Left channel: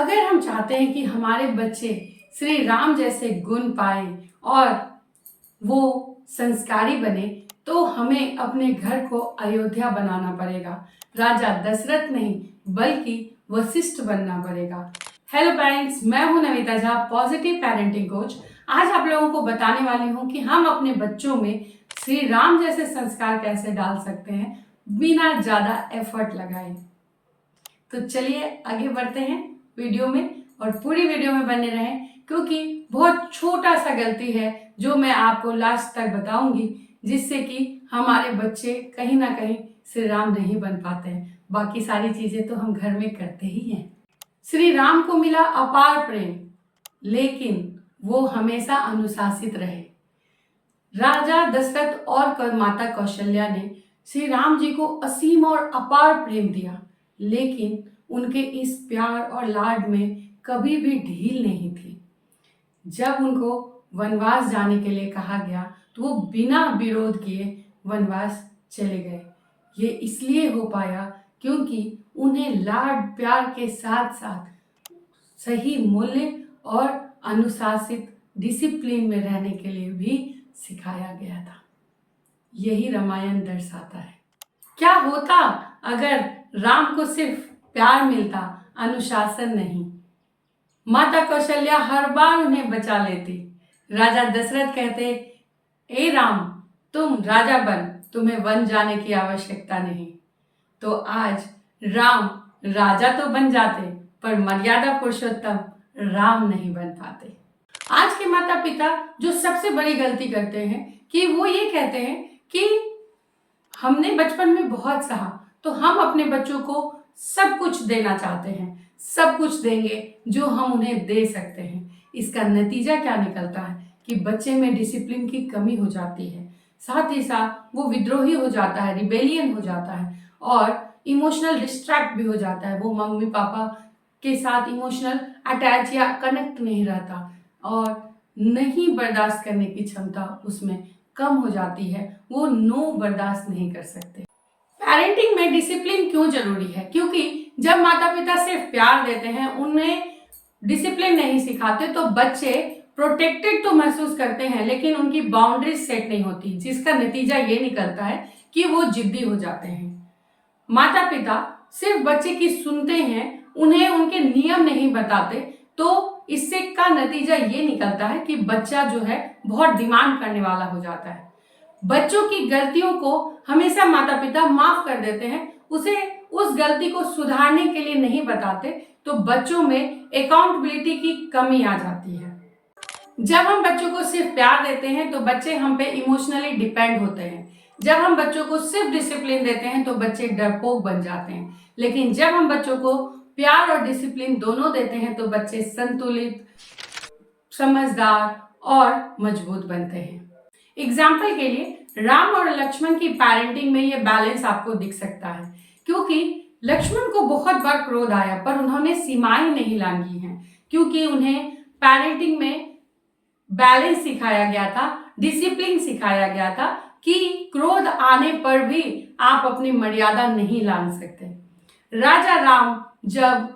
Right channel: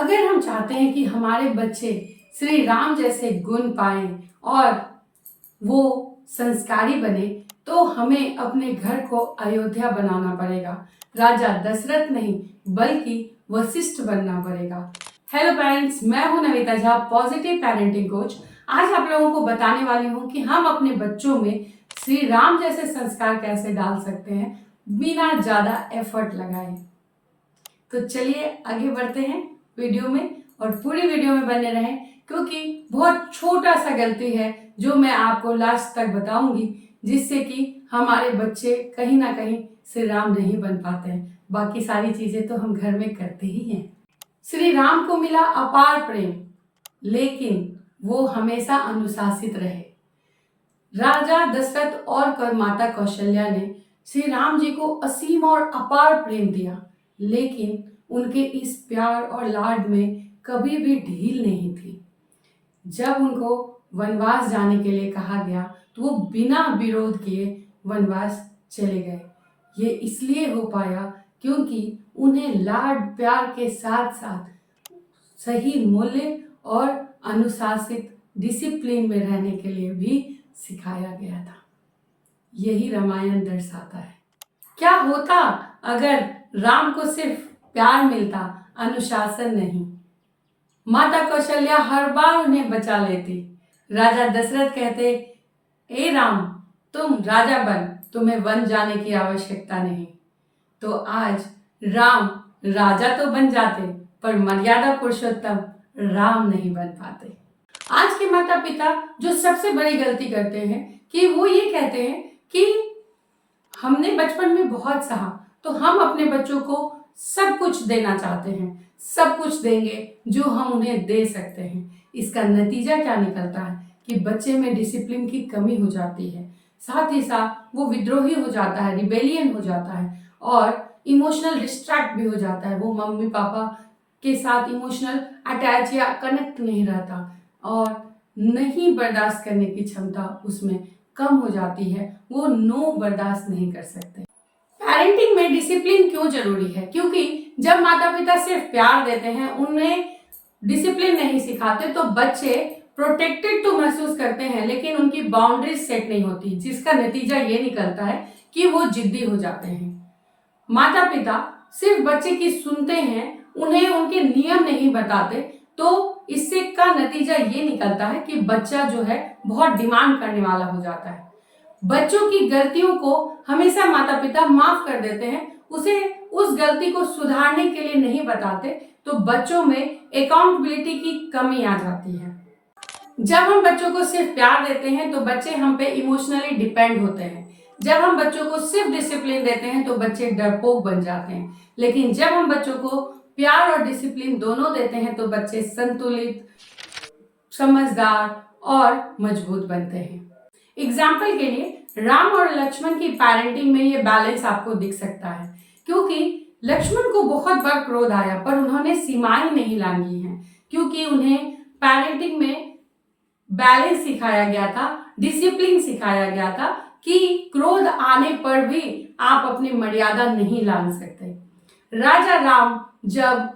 अगर हम चाहते हैं कि हमारे बच्चे श्री राम जैसे गुण पाए और वो संस्कारी बने, तो हमें अपने घर को अयोध्या बनाना पड़ेगा। राजा दशरथ नहीं बल्कि वशिष्ठ बनना पड़ेगा। हेलो पेरेंट्स, मैं हूं Navita Jha, positive parenting coach. आज आप लोगों को बताने वाली हूं कि हम अपने बच्चों में श्री राम जैसे संस्कार कैसे डाल सकते हैं बिना ज़्यादा एफर्ट लगाए। तो चलिए आगे बढ़ते हैं वीडियो में, और पूरी वीडियो में बने रहें क्योंकि बहुत छोटा सा गलती है जो मैं आपको लास्ट तक बताऊंगी, जिससे कि हमारे बच्चे कहीं ना कहीं श्री राम नहीं बन पाते हैं। बाकी सारी चीजें तो हम घर में करते ही हैं। श्री राम को मिला अपार प्रेम, लेकिन वो हमेशा अनुशासित रहे। राजा दशरथ और माता कौशल्या ने श्री राम जी को असीम और अपार प्रेम दिया, लेकिन उनके इस प्यार और लाड में कभी भी ढील नहीं थी। जब उनको वनवास जाने के लिए कहा गया तो वो बिना विरोध किए वनवास चले गए। ये इसलिए हो पाया क्योंकि उन्हें लाड प्यार के साथ साथ सही मूल्य और अनुशासित डिसिप्लिन में रहने के लिए भी सिखाया गया था। यही रामायण दर्शाता है। क्या होता अगर राम को सिर्फ प्यार मिलता, अनुशासन नहीं? माता कौशल्या हर बार उन्हें बचा लेती। राजा दशरथ कहते, ए राम, तुम राजा बन, तुम्हें वन जाने की आवश्यकता नहीं। तो आज राम राजा तो बन जाते, पर मर्यादा पुरुषोत्तम राम नहीं बन पाते। आज के माता पिता जो सबसे बड़ी गलती करते हैं कि वो ये कहते हैं कि हमने बचपन में बहुत सहा, तो हम अपने बच्चों को सब कुछ देना चाहते हैं, सब कुछ देंगे जो हम उन्हें दे सकते हैं। इसका नतीजा क्या निकलता है कि बच्चे में डिसिप्लिन की कमी हो जाती है, साथ ही साथ वो विद्रोही हो जाता है, रिबेलियन हो जाता है और इमोशनल डिस्ट्रैक्ट भी हो जाता है। वो मम्मी पापा के साथ इमोशनल अटैच या कनेक्ट नहीं रहता और नहीं बर्दाश्त करने की क्षमता उसमें कम हो जाती है। वो नो बर्दाश्त नहीं कर सकते। पेरेंटिंग में डिसिप्लिन क्यों जरूरी है? क्योंकि जब माता पिता सिर्फ प्यार देते हैं, उन्हें डिसिप्लिन नहीं सिखाते, तो बच्चे प्रोटेक्टेड तो महसूस करते हैं, लेकिन उनकी बाउंड्रीज सेट नहीं होती, जिसका नतीजा ये निकलता है कि वो जिद्दी हो जाते हैं। माता पिता सिर्फ बच्चे की सुनते हैं, उन्हें उनके नियम नहीं बताते, तो इससे का नतीजा ये निकलता है कि बच्चा जो है बहुत डिमांड करने वाला हो जाता है। बच्चों की गलतियों को हमेशा माता पिता माफ कर देते हैं, उसे उस गलती को सुधारने के लिए नहीं बताते, तो बच्चों में अकाउंटेबिलिटी की कमी आ जाती है। जब हम बच्चों को सिर्फ प्यार देते हैं तो बच्चे हम पे इमोशनली डिपेंड होते हैं। जब हम बच्चों को सिर्फ डिसिप्लिन देते हैं तो बच्चे डरपोक बन जाते हैं। लेकिन जब हम बच्चों को प्यार और डिसिप्लिन दोनों देते हैं तो बच्चे संतुलित, समझदार और मजबूत बनते हैं। एग्जाम्पल के लिए राम और लक्ष्मण की पेरेंटिंग में ये बैलेंस आपको दिख सकता है, क्योंकि लक्ष्मण को बहुत बार क्रोध आया पर उन्होंने सीमाएं नहीं लांघी हैं, क्योंकि उन्हें पेरेंटिंग में बैलेंस सिखाया गया था, डिसिप्लिन सिखाया गया था कि क्रोध आने पर भी आप अपनी मर्यादा नहीं लांघ सकते। राजा राम जब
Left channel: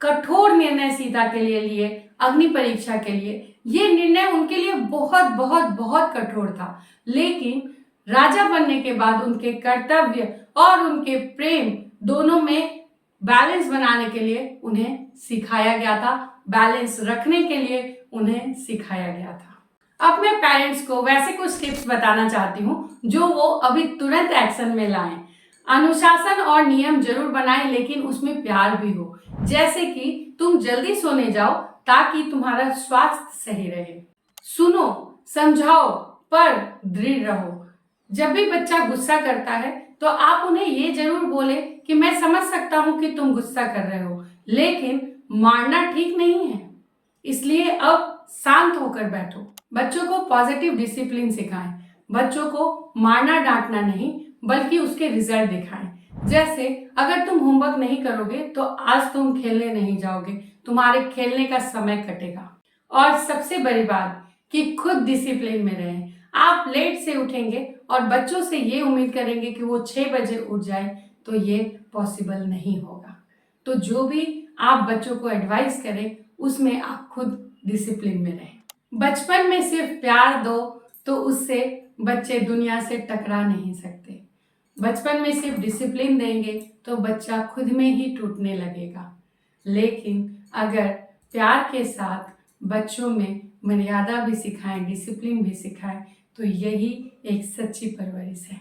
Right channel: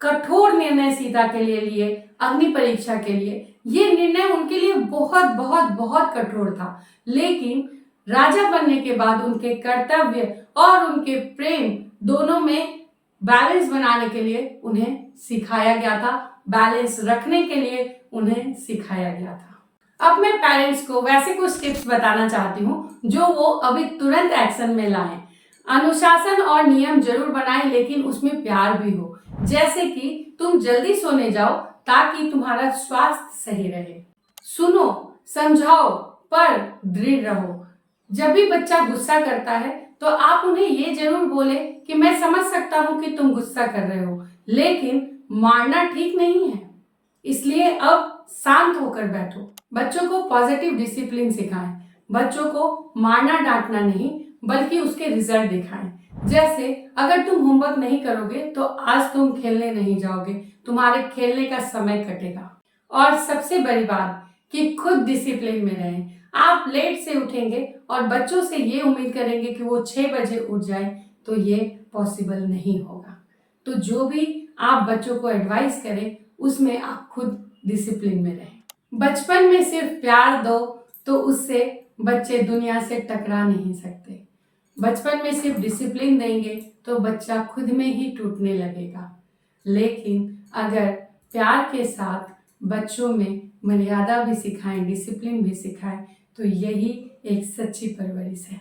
कठोर निर्णय सीता के लिए लिए, अग्नि परीक्षा के लिए, ये निर्णय उनके लिए बहुत बहुत बहुत कठोर था, लेकिन राजा बनने के बाद उनके कर्तव्य और उनके प्रेम दोनों में बैलेंस बनाने के लिए उन्हें सिखाया गया था, बैलेंस रखने के लिए उन्हें सिखाया गया था। अब मैं पेरेंट्स को वैसे कुछ टिप्स बताना चाहती हूँ जो वो अभी तुरंत एक्शन में लाएं। अनुशासन और नियम जरूर बनाएं, लेकिन उसमें प्यार भी हो। जैसे कि तुम जल्दी सोने जाओ ताकि तुम्हारा स्वास्थ्य सही रहे। सुनो, समझाओ, पर दृढ़ रहो। जब भी बच्चा गुस्सा करता है तो आप उन्हें ये जरूर बोले कि मैं समझ सकता हूं कि तुम गुस्सा कर रहे हो, लेकिन मारना ठीक नहीं है, इसलिए अब शांत होकर बैठो। बच्चों को पॉजिटिव डिसिप्लिन सिखाएं। बच्चों को मारना डांटना नहीं बल्कि उसके रिजल्ट दिखाएं। जैसे अगर तुम होमवर्क नहीं करोगे तो आज तुम खेलने नहीं जाओगे, तुम्हारे खेलने का समय कटेगा। और सबसे बड़ी बात कि खुद डिसिप्लिन में रहें। आप लेट से उठेंगे और बच्चों से ये उम्मीद करेंगे कि वो 6 बजे उठ जाए, तो ये पॉसिबल नहीं होगा। तो जो भी आप बच्चों को एडवाइस करें उसमें आप खुद डिसिप्लिन में रहें। बचपन में सिर्फ प्यार दो तो उससे बच्चे दुनिया से टकरा नहीं सकते। बचपन में सिर्फ डिसिप्लिन देंगे तो बच्चा खुद में ही टूटने लगेगा। लेकिन अगर प्यार के साथ बच्चों में मर्यादा भी सिखाएं, डिसिप्लिन भी सिखाएं तो यही एक सच्ची परवरिश है।